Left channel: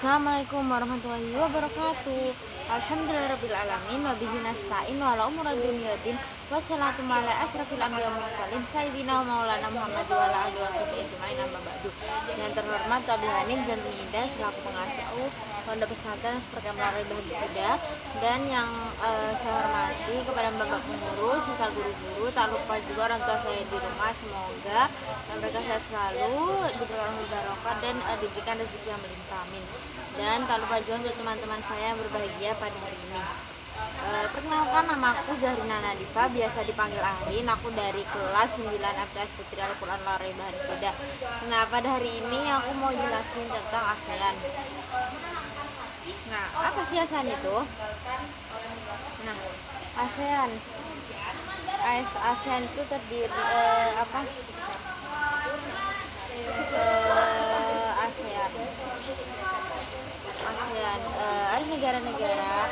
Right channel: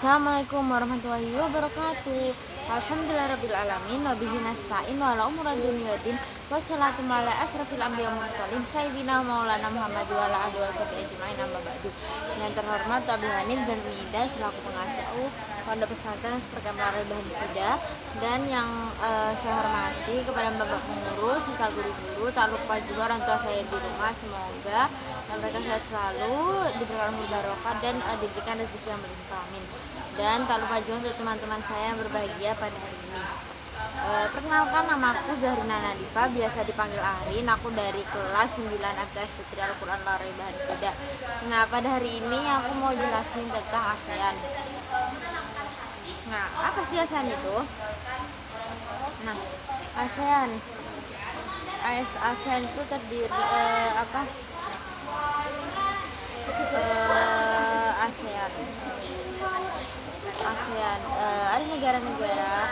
Assalamualaikum warahmatullahi wabarakatuh. Alhamdulillahirrabbilalamin. Wabihi nasta'in wa ala umuri dunya waddin. Wassalatu ala asrafil anbiya mursalin Sayyidina maulana Muhammad wa ala alihi washabihi ajmain, amma ba'du. Yang terhormat Abi Hanif dan Mida selaku pengasuh Pondok Pesantren Seperti Melarang Bahan Huda, dan yang saya hormati kepada bapak pengurus serta guru-guru, tak lupa juga orang tua saya di rumah. Semoga mereka sehat selalu, diberikan umur barokah dan diberikan rezeki yang melimpah, amin. Dan tak lupa juga untuk teman-teman saya yang berbahagia pada hari ini. Perkenalkan, namaku Zahrina Nadifa, biasa dipanggil Arin. Aku dari kelas 9 FTS Putri Al-Quran Lari Bahan Huda. Nah, pada hari ini aku mau jelasin tentang ASEAN. Nah, apa sih ASEAN itu? Nah, ASEAN ASEAN itu terdiri ASEAN ada negara-negara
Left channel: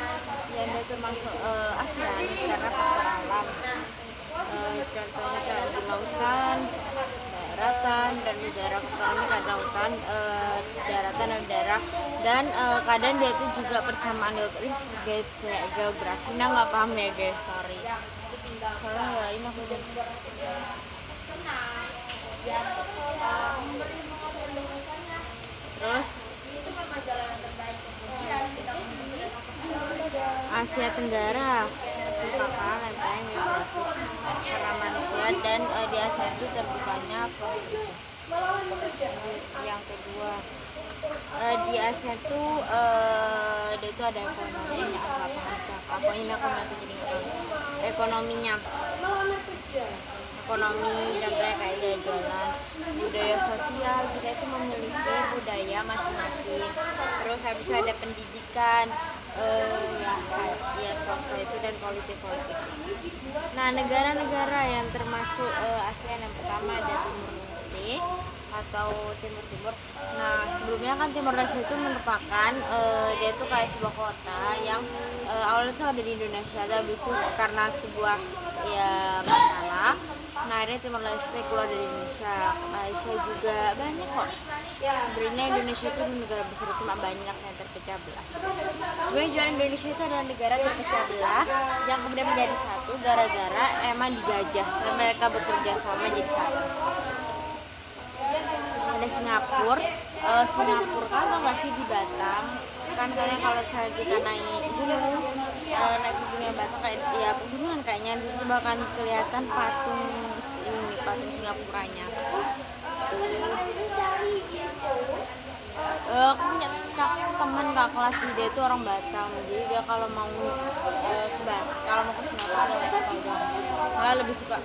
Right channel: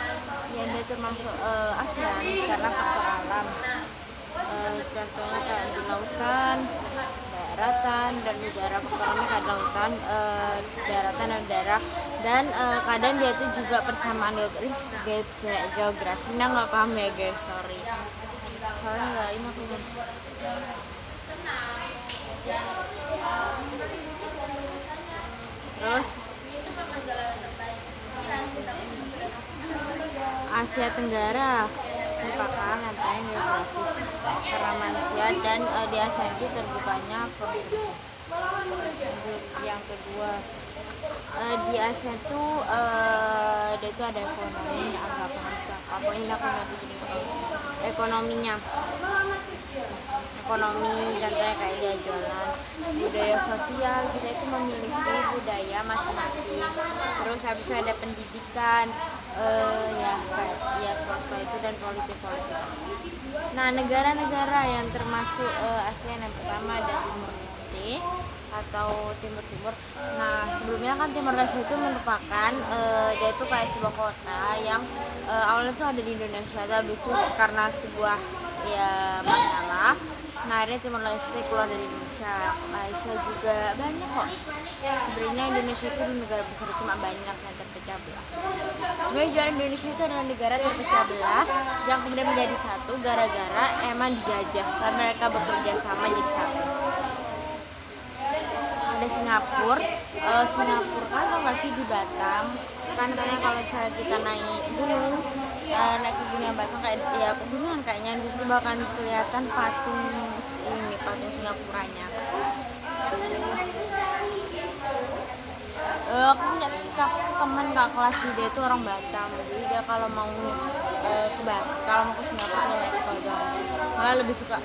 yang dia termasuk ASEAN karena faktor alam. Contohnya kayak di lautan, daratan, dan udara. Faktor alamnya kayak lautan, daratan, dan udara. Dan kadang dia itu juga persamaan geografi. Nah, nggak paham ya guys, sorry. Soalnya nggak ini aku terus Asia Tenggara merupakan lempeng geografis karena manusia, dan di Asia itu terbukanya konflik. Yang kedua, di Asia itu dia itu ada ekonominya. Apa ini aku nggak ekonominya. Ekonomi contohnya kayak dia jualan. Budaya sosial, kita itu memiliki budaya masing-masing. Terus habis itu ada pendidikan, kayak sosial itu, dan politik. Nah, negara-negara yang termasuk ASEAN, yang pertama ada Timur Leste atau Timur. Nah, sebelumnya kan Timur Leste itu merupakan dia itu kayak sebuah kota yang awalnya itu ada di Indonesia, tapi itu karena sebuah masalah. Nah, akhirnya Timor Leste keluar dari Indonesia. Malaysia juga banyak kok. Sebenarnya Indonesia itu negara besar, cuma banyak yang terpecah belah. Sebenarnya juga Indonesia itu adalah negara terpecah belah yang kemudian menjadi satu gara-gara emang dijajah, karena mereka bekerja sama jadi satu. Ada Singapura kan tau gak sih, di Batam kan katanya kalau misalnya kita naik gunung, naik ke gunung Batam kayak pegunungan, kayaknya di situ bakal kelihatan patung Singapuranya. Aku punya teman kak kelas dia itu orang Batam, jadi dia kalau mau ke Singapura dia naik kapal doang, malah lebih suka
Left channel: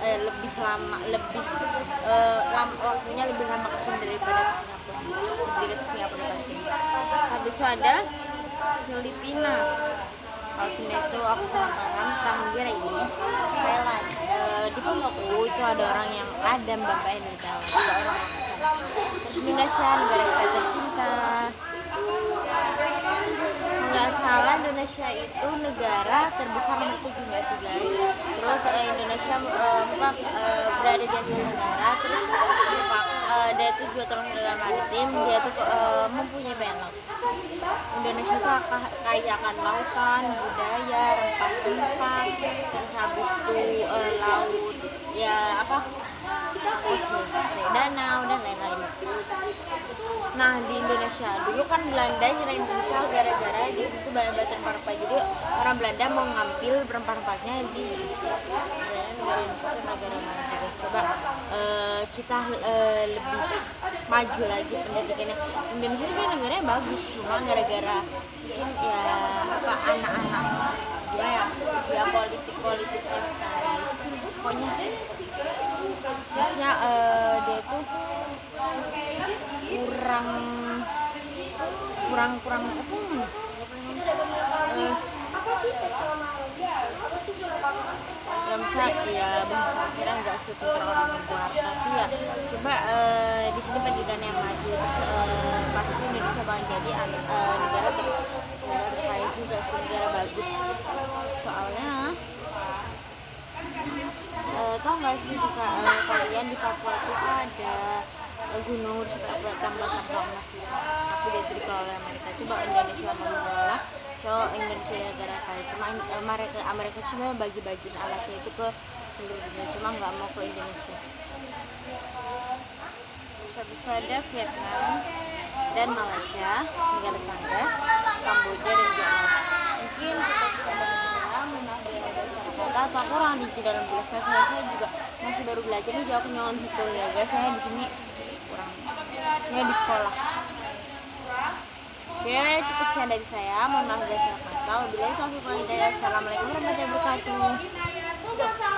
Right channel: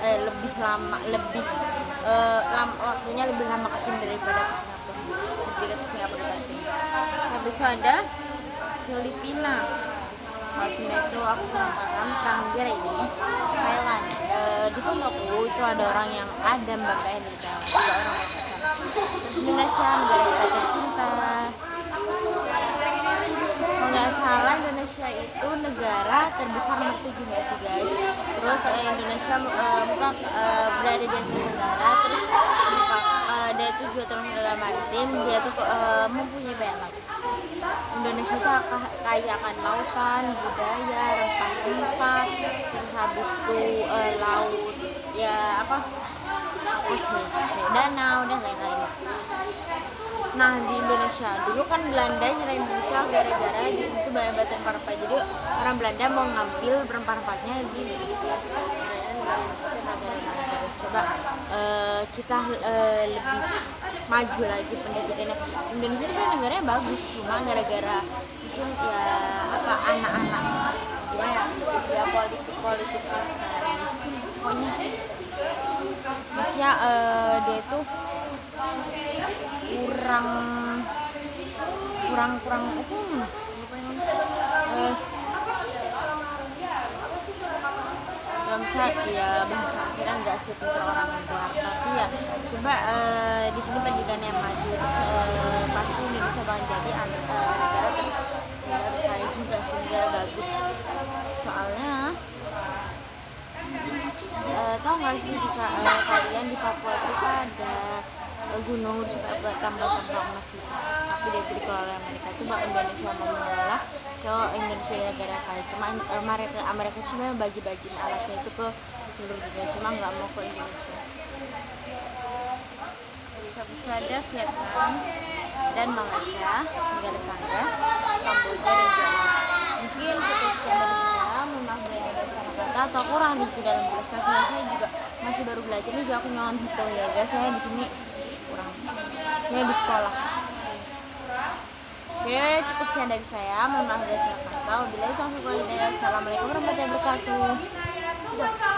waktunya lebih lama kesini daripada ke Singapura, lebih ke Singapura daripada sini. Habis itu ada Filipina. Kalau sini itu aku kurang paham tentang ini. Thailand, di pondokku itu ada orang yang ada mbak-mbaknya dari Thailand, juga orang sana. Terus Indonesia, negara kita tercinta. Kalau nggak salah Indonesia itu negara terbesar nomor 7 nggak sih guys. Terus Indonesia berada di Asia Tenggara. Terus dia itu juga termasuk negara maritim. Dia itu mempunyai banyak laut. Indonesia itu kaya akan lautan, budaya, rempah-rempah, terus habis itu laut danau dan lain-lain. Nah, di Indonesia dulu kan Belanda nyerang Indonesia gara-gara di situ banyak batu rempah-rempah, jadi orang Belanda mau ngambil rempah-rempahnya di Indonesia. Coba kita lebih maju lagi pendidikannya. Indonesia kan negaranya bagus, cuma gara-gara mungkin anak-anak politik sekarang pokoknya maksudnya dia itu kurang bahasa akhirnya nggak sepintar orang luar, tapi ya coba di sini pendidikan yang maju, terus pasti Indonesia bakal jadi negara terkaya juga, negara bagus. Soalnya tahu nggak sih kalian di Papua itu ada gunung terus kayak tambang-tambang emas gitu, tapi dia itu dikelola Amerika. Coba Indonesia mau mengelola, so Indonesia negara kaya, cuma Amerika cuma bagi-bagiin alatnya itu ke seluruh dunia, cuma nggak mau ke Indonesia. Bisa ada Vietnam dan Malaysia, negara tetangga, Kamboja dan juga Laos. Mungkin cukup sekian dari saya. Mohon maaf bila ada salah kata atau kurang di dalam tulis saya juga masih baru belajar nih, jadi aku nyolong hitung ya guys, saya di sini kurang ya di sekolah. Oke, cukup sekian dari saya. Mohon maaf bila salah kata. Wabillahi taufiq wal hidayah. Assalamualaikum warahmatullahi wabarakatuh.